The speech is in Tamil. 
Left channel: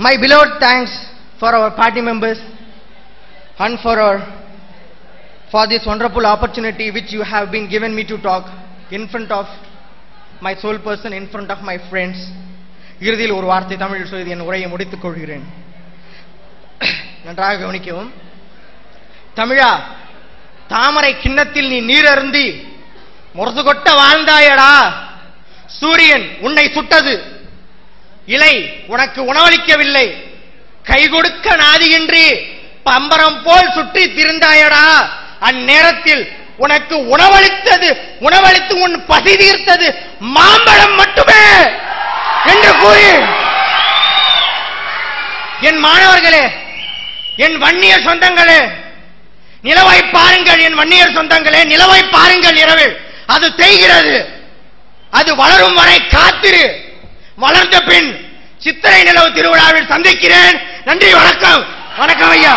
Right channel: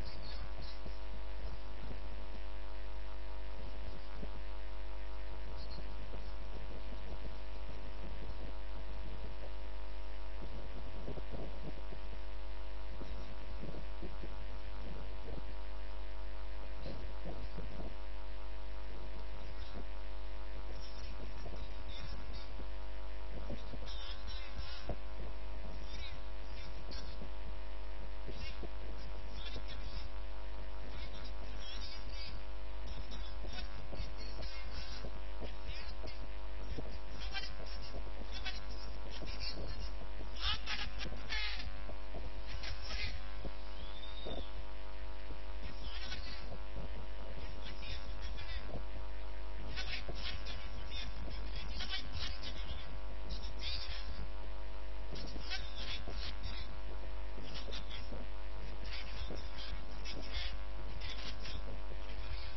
My beloved thanks for our party members and for this wonderful opportunity which you have been given me to talk in front of my sole person, in front of my friends. இறுதியில் ஒரு வார்த்தை தமிழில் சொல்லி என் உரையை முடித்துக் கொள்கிறேன். நன்றாக கவனிக்கவும். தமிழா, தாமரை கிண்ணத்தில் நீ நீர் அருந்தி முரசு கொட்ட வாழ்ந்தாயடா. சூரியன் உன்னை சுட்டது, இலை உனக்கு உணவளிக்கவில்லை. கை கொடுக்க நாதியின்றி பம்பரம் போல் சுற்றி திரிந்தாயடா. அந்நேரத்தில் உனக்கு உணவளித்து உன் பசி தீர்த்தது மாம்பழம் மட்டுமே என்று கூறி, என் மாணவர்களே, என் வன்னியர் சொந்தங்களே, நிலவை பாருங்கள். என் வன்னியர் சொந்தங்களே, நிலவை பாருங்கள். இரவில் அது தேய்கிறது. அது வளரும் வரை காத்திரு. வளர்ந்த பின் சித்திரை நிலவு திருவிழாவில் சந்திக்கிறேன். நன்றி, வணக்கம். வணக்கம் ஐயா.